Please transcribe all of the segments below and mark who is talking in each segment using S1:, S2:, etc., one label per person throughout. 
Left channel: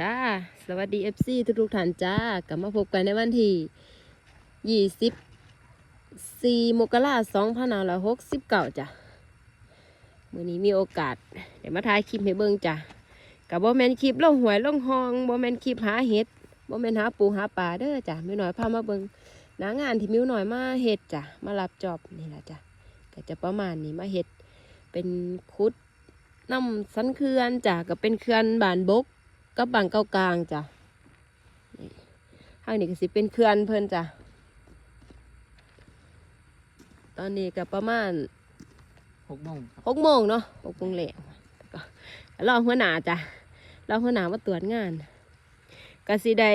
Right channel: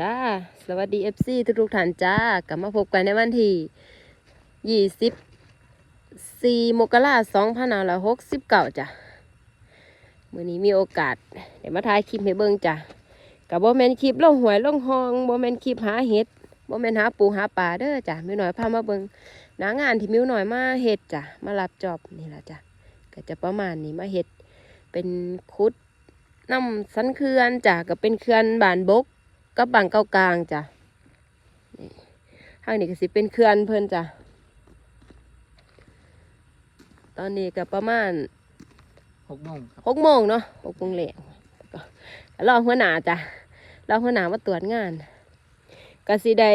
S1: จ้า สวัสดีเอฟซีทุกทุกๆท่านจ้ากลับมาพบกันในวันที่ยี่สิบสี่มกราสองพันห้าร้อยหกสิบเก้าจ้ะมื่อนี้มีโอกาสเดี๋ยวมาถ่ายคลิปให้เบิ่งจ้ะกับโบแมนคลิปล่องหวยลงหองโบแมนคลิปหาเห็ดโบแมนหาปูหาปลาเด้อจ้ะมิวหน่อยพามาเบิ่งหนางานที่มิวหน่อยมาเห็ดจ้ะมารับจอบนี่แหละจ้ะก็จะประมาณนี้มาเห็ดเป็นคุดน้ำสันเขื่อนจ้ะก็เป็นเขื่อนบานบก กับบางเก้ากลางจ้ะนี่ทางนี้ก็สิเป็นเขื่อนเพิ่นจ้ะ ตอนนี้ก็ประมาณ
S2: หกโมงครับ
S1: หกโมงเนาะหกโมงแหลงรอหัวหน้าจ้ะรอหัวหน้ามาตรวจงานก็สิได้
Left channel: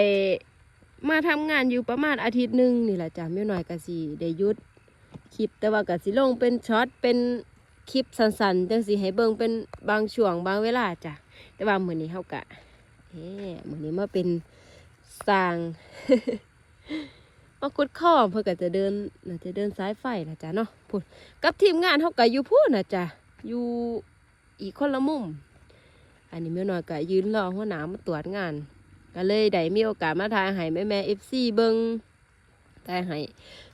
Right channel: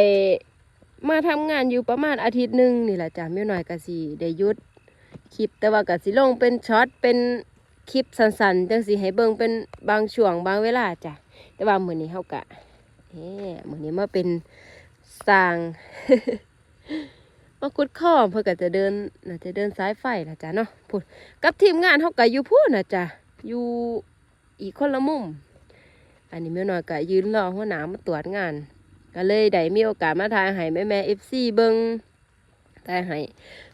S1: มาทำงานอยู่ประมาณอาทิตย์หนึ่งนี่แหละจ้ะไม่หน่อยก็สิได้หยุดคลิปแต่ว่าก็สิลงเป็นช็อตเป็นคลิปสั้นๆจังสิให้เบิ่งเป็นบางช่วงบางเวลาจ้ะแต่ว่ามื้อนี้เฮากะ เฮ้มื้อนี้มาเป็นสร้างมากุดข้อมเพื่อก็จะเดินน่าจะเดินสายไฟนะจ๊ะเนาะพูดกับทีมงานเฮาก็อยู่พูดนะจ๊ะอยู่อีกคนละมุม อันนี้แม่น้อยก็ยืนรอหัวหน้ามาตรวจงาน ก็เลยได้มีโอกาสมาถ่ายให้แม่แม่ FC เบิงถ่ายให้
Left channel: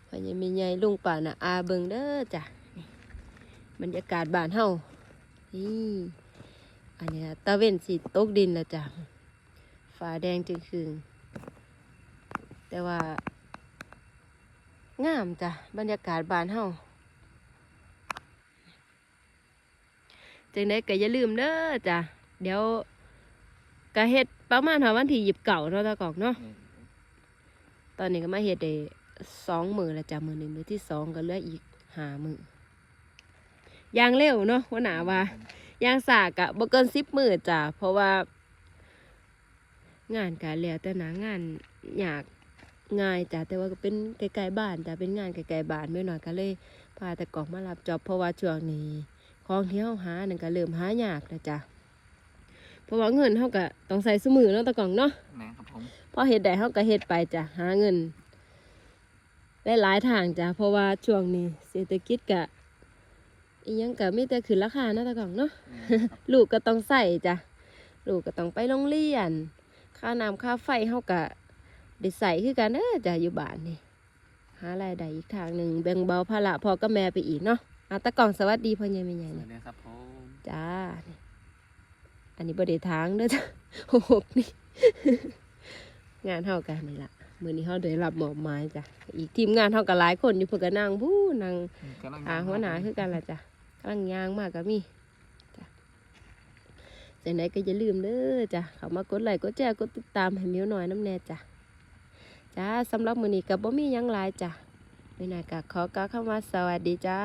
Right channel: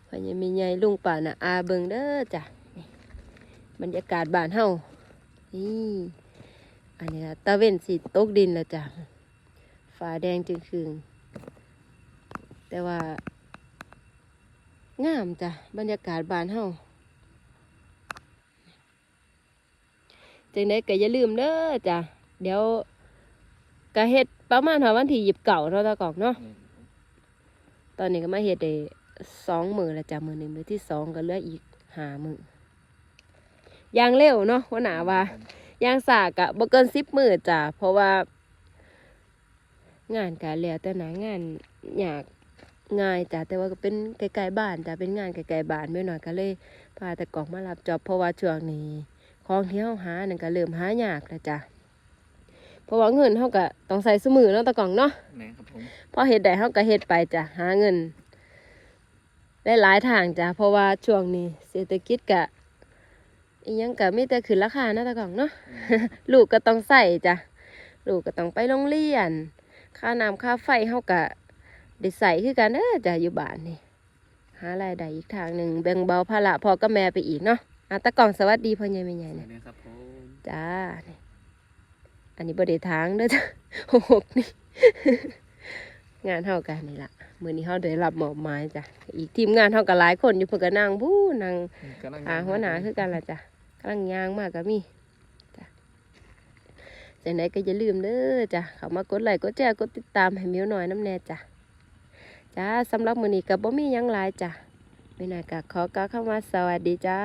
S1: พอยังมีใหญ่ลุงป่าน่ะอาเบิงเด้อจ้ะบรรยากาศบ้านเฮานี่อันนี้ตะเว้นสีตกดินล้วจ้ะ ฝาแดงจึงคืนแต่ว่างามจ้ะบรรยากาศบานเฮาจังได้ก็อย่าลืมเด้อจ้ะเดี๋ยวก็เฮ็ดประมาณหาวันที่หยิบเก่าเนาะตะกอกเนาะตอนนี้ก็มาเฮ็ดได้สองมือล้วจ้ะมือหนึ่งมือที่สองก็เหลืออีกหามือย่างเร็วเนาะว่าหนาว่าย่างสากอะบ่เกินสิบมือจ้ะเพราะว่า งานกะแล้วแต่หนางานอยากง่ายจ้ะแต่ว่าก็เป็นไกลๆบ้านจ้ะเป็นงานไกลๆบ้านไม่หน่อยก็เลยพาแต่กอกมารับจอบเพราะว่าช่วงนี้ของที่เฮาหานั่นก็เริ่มหายากแล้วจ้ะเพราะว่าเงินเฮาก็ต้องใส่สมือเนาะตะกล่องเนาะ
S2: แม่ครับผม
S1: พอเฮ็ดได้เฮาก็เฮ็ดไปจ้ะหาเงินได้หลายทางจ้ะเพราะว่าช่วงนี้เศรษฐกิจก็อีหยังก็มีแต่ขึ้นราคาเนาะตะกล่องเนาะลูกก็ต้องใส่จ้ะลูกก็ต้องไปโรงเรียน ค่าน้ำค่าไฟเฮาก็ได้ใส่คือกันเด้อจ้ะอยู่บ้านนี่หารายได้อีกทางหนึ่งแบ่งเบาภาระพ่อกับแม่ไปอีกเนาะอะตะกล่องสวัสดีพ่อใหญ่แม่ใหญ่
S2: สวั
S1: นะ
S2: สดีครับผม
S1: จ้านี่อันนี้บ่ได้ทางเด้อจ้ะหกนี่งานเฮากันนี่ล่ะมื้อนี้เฮาได้รับมอบหมายจ้ะอีกทีมงานเฮาก็หลายคนอยู่เพิ่นก็นั่งบู้นั่ง
S2: กำลัง
S1: หาหัวหน้าคือกันล่ะจ้ะกำลังย่างมากก็มีจ้ะ จากไหนก็อย่าลืมเด้อจ้ะเข้ามากดไลค์กดแชร์กดติดตามให้มิวหน่อยน้ำแน่จ้ะจ้าสำหรับมื้อนี้ก็บ่มีหยังหลายจ้ะไม่น่าก็ขอกล่าวคำว่าสวัสดีจ้า